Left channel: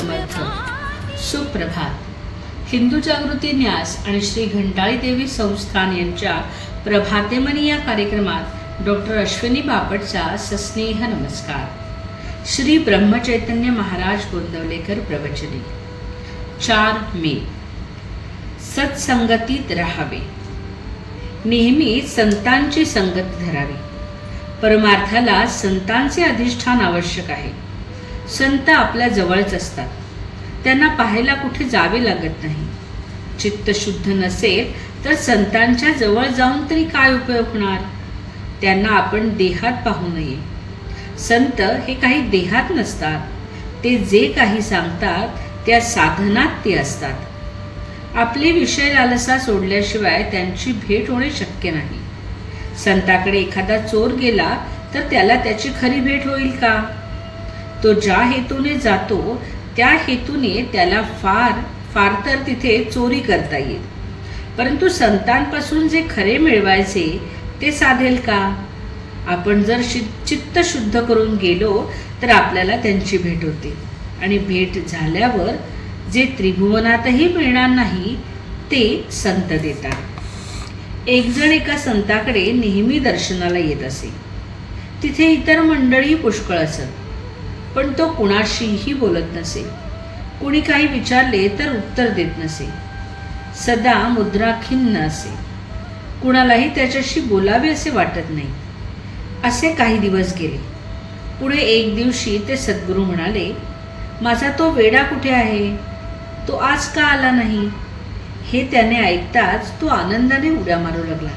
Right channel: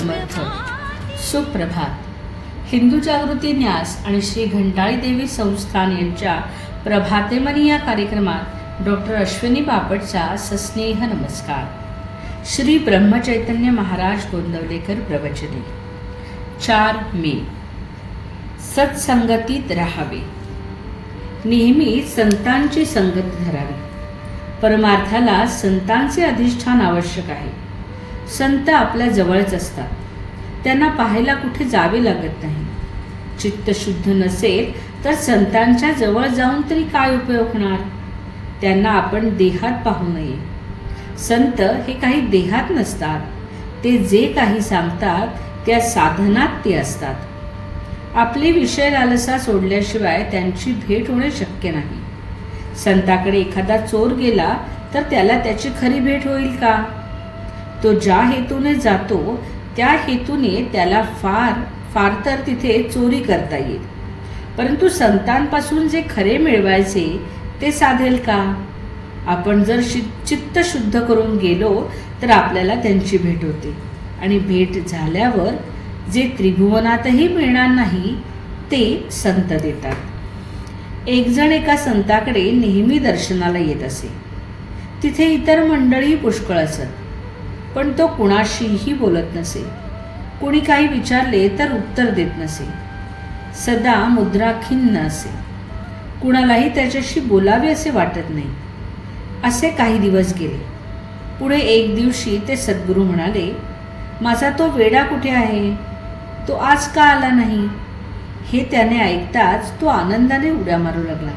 समर्थ. सुप्रभात. हिंदू जागृती न्यास आणि श्री घंटाळी देवी संस्थान यांच्या प्रभातेमनी या कार्यक्रमात डॉक्टर अश्विनी बापटचा सस्नेह नमस्कार. श्री ब्रह्मचैतन्य महाराज गोंदवलेकर प्रवचने. 4 मे. सत्संगतीत राहावे. नेहमी संतांची संगत धरावी. परमार्थाला संतांचे अधिष्ठान आवश्यक आहे. संत आपल्या जवळच असतात. त्यांना पाहायला कुठे जावे लागत नाही. चित्त शुद्ध नसेल तर संतांच्या जवळ जाऊन तरी काय उपयोग होणार. त्यांना आपण देहात पाहू नये. संत हे काही देहात नसतात. ते जे काही सांगतात त्या साधनात ते असतात. आपले विषय लालसा सोडल्याशिवाय त्यांची भेट होणे शक्य नाही. संताकडे एखादा चोर गेला तर त्याला त्याची खरी भेट होईल का. तो ज्या हेतूने जातो त्या हेतूने त्याला फार तर तिथे चोरी करता येईल, परंतु संतांपासून जे खरे मिळवायचे ते साधेल का. आपण जर चित्त शुद्ध करून गेलो तर आपल्याला त्यांची भेट होते आणि भेट झाल्यावर जे त्रिभुवनातही मिळणार नाही ते संत देतात. एक जण एका संताकडे नेहमी दर्शनाला येत असे. तिथे इतर मंडळी पुष्कळ असत, पण तो कुणाशीही बोलत नसे. कुणी काही विचारले तर उत्तर देत नसे. सदा मुद्राखिन्न असे. कुणालाही त्याच्याशी बोलावे असे वाटत नाही. असे काही दिवस गेले. पुढे एक दिवशी ते सद्गुरू म्हणाले, माझा तो वेडा कुठे आहे. तो आज का आला नाही. हे त्याने ऐकताच तो आनंदाने उड्या मारू लागला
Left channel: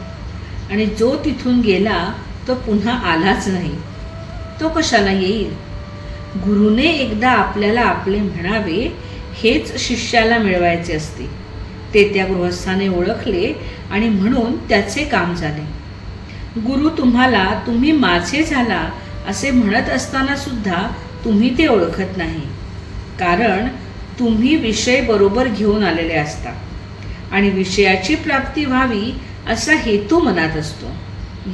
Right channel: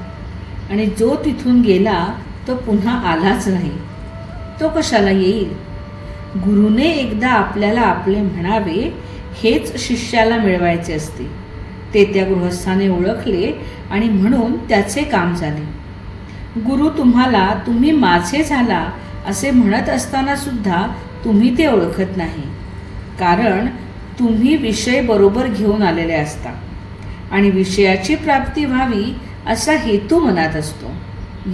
आणि जो तिथून गेला तो पुन्हा आलाच नाही. तो कशाला येईल. गुरुने एकदा आपल्याला आपले म्हणावे हेच शिष्याला मिळवायचे असते. ते त्या गृहस्थाने ओळखले आणि म्हणून त्याचे काम झाले. गुरु तुम्हाला तुम्ही माझे झाला असे म्हणत असताना सुद्धा तुम्ही ते ओळखत नाही. कारण तुम्ही विषय बरोबर घेऊन आलेले असता आणि विषयाची प्राप्ती व्हावी असा हेतू मनात असतो.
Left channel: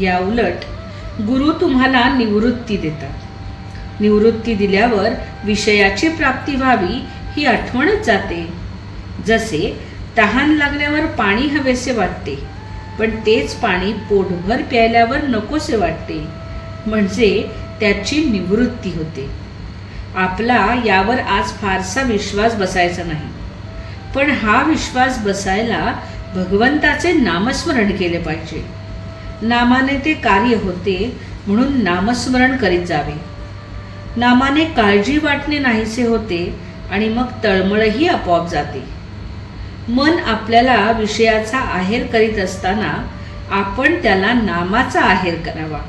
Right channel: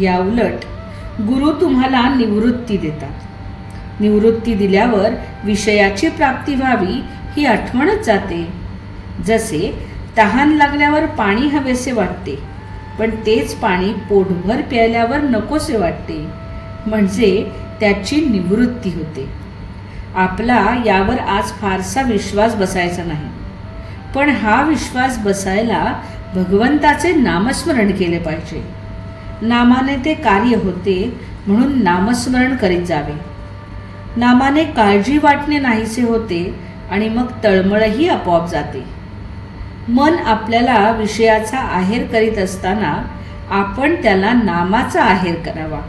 या उलट गुरु तुम्हाला निवृत्ती देतात. निवृत्ती दिल्यावर विषयाची प्राप्ती व्हावी ही आठवणच जाते. जसे तहान लागल्यावर पाणी हवेसे वाटते, पण तेच पाणी पोटभर प्यायल्यावर नकोसे वाटते, म्हणजे त्याची निवृत्ती होते. आपला यावर आज फारसा विश्वास बसायचा नाही, पण हा विश्वास बसायला भगवंताचे नामस्मरण केले पाहिजे. नामाने ते कार्य होते, म्हणून नामस्मरण करीत जावे. नामाने काळजी वाटणे नाहीसे होते आणि मग तळमळही आपोआप जाते. मन आपल्याला विषयाचा आहेर करीत असताना आपण त्याला नामाचा आहेर करावा.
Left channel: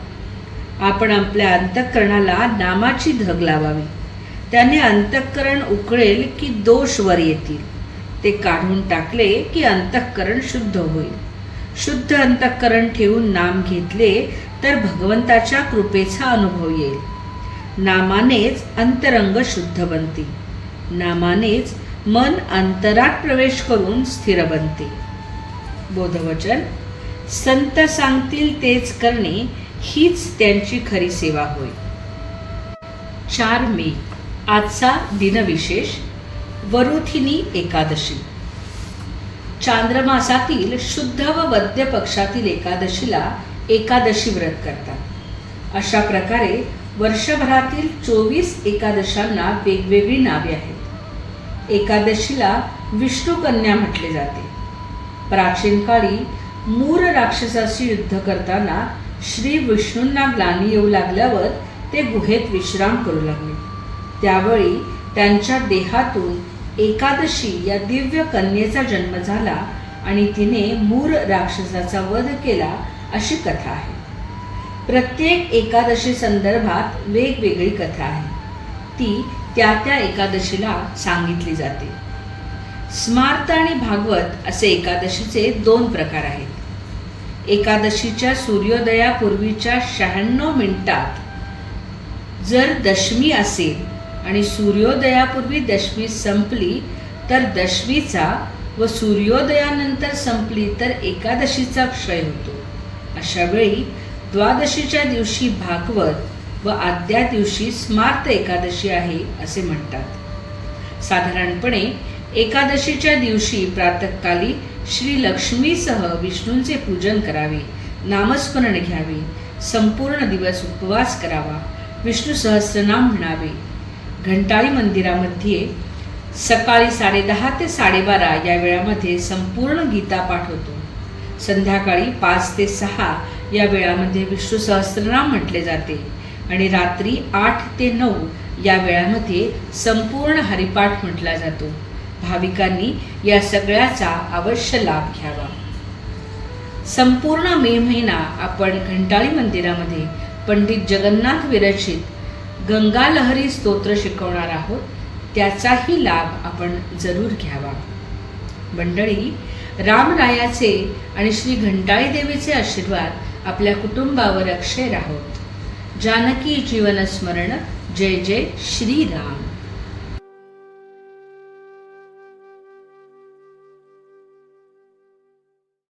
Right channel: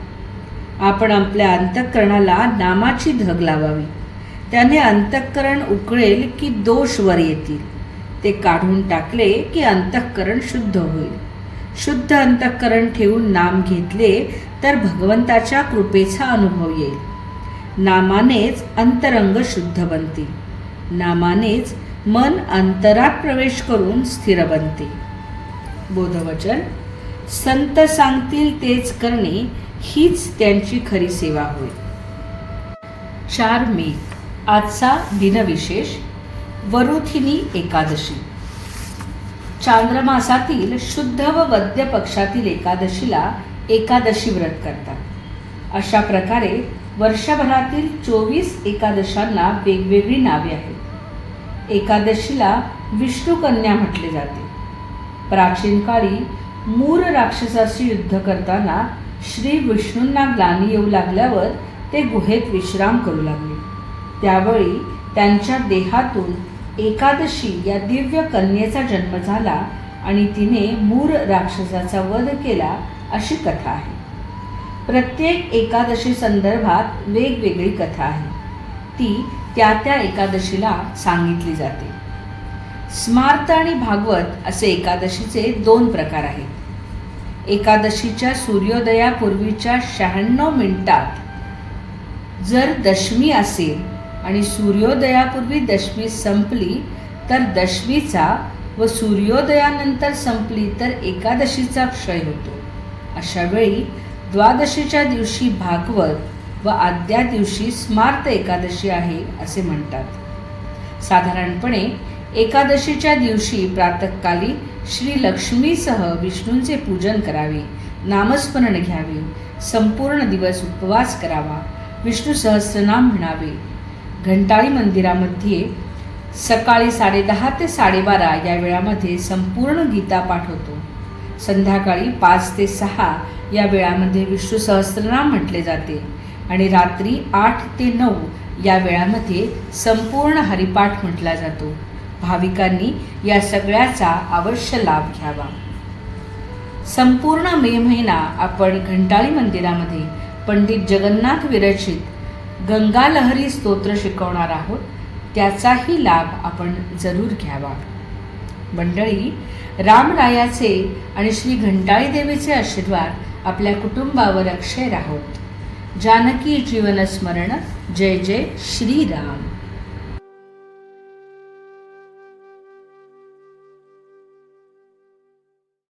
आपण आपल्या अंतःकरणाला नामाची धग लावावी. त्याने अंतःकरण उकळेल की दोष वर येतील. ते काढून टाकले की अंतःकरण शुद्ध होईल. शुद्ध अंतःकरण ठेवून नाम घेतले तर भगवंताच्या कृपेचा अनुभव येईल. नामानेच अंतरंग शुद्ध बनते. नामानेच मन अंतरात प्रवेश करून स्थिर बनते. बोधवचन. संत सांगतील तेच करणे हीच त्यांची खरी सेवा होय. 4 मे. आजचा दिनविशेष वरुथिनी एकादशी. चांद्रमासातील शुद्ध व वद्य पक्षातील एकादशीला एकादशी व्रत करतात. अशा प्रकारे वर्षभरातील 24 एकादशांना वेगवेगळी नावे आहेत. एकादशीला विष्णुकन्या म्हटले जाते. प्राचीन काळी मूर राक्षसाशी युद्ध करताना श्री विष्णूंना ग्लानी येऊ लागल्यावर ते गुहेत विश्राम करू लागले. त्यावेळी त्यांच्या देहातून एकादशी या दिव्य कन्येचा जन्म झाला आणि तिने मूर राक्षसाचा वध केला अशी कथा आहे. प्रत्येक एकादशी संदर्भात वेगवेगळी कथा आहे. ती त्या त्या एकादशीला सांगितली जाते. स्मार्त आणि भागवत असे एकादशीचे 2 प्रकार आहेत. एकादशीच्या सूर्योदयापूर्वीच्या 96 मिनिटात जर दशमी असेल आणि सूर्योदयापूर्वी दशमी संपली तर दशमीचा व सूर्योदयानंतर संपली तर एकादशीचा क्षय होतो. अशा वेळी द्वादशीच्या दिवशी भागवत व आदल्या दिवशी स्मार्त एकादशी आहे असे म्हणतात. साधारणपणे एकादशीच्या दिवशी प्रातःकाली श्री लक्ष्मीसह विष्णूंचे पूजन करावे, नामस्मरण घ्यावे, संपूर्ण दिवस उपवास करावा, विष्णू सहस्रनाम म्हणावे. घंटाळी मंदिरामध्ये सकाळी 10:30 ते 12:30 या वेळामध्ये संपूर्ण गीता पाठ होतो. संध्याकाळी 5 ते 6 या वेळामध्ये विष्णू सहस्रनाम म्हटले जाते आणि रात्री 8 ते 9 या वेळामध्ये संपूर्ण हरिपाठ म्हटला जातो. भाविकांनी या सगळ्याचा अवश्य लाभ घ्यावा. संपूर्ण मे महिना आपण घंटाळी मंदिरामध्ये पंडित जगन्नाथ विरचित गंगालहरी स्तोत्र शिकवणार आहोत. त्याचाही लाभ आपण जरूर घ्यावा. मंडळी, रामरायाचे आणि श्री घंटाळी देवीचे आशीर्वाद आपल्या कुटुंबावर अक्षय राहोत. जानकी जीवन स्मरण. जय जय श्रीराम.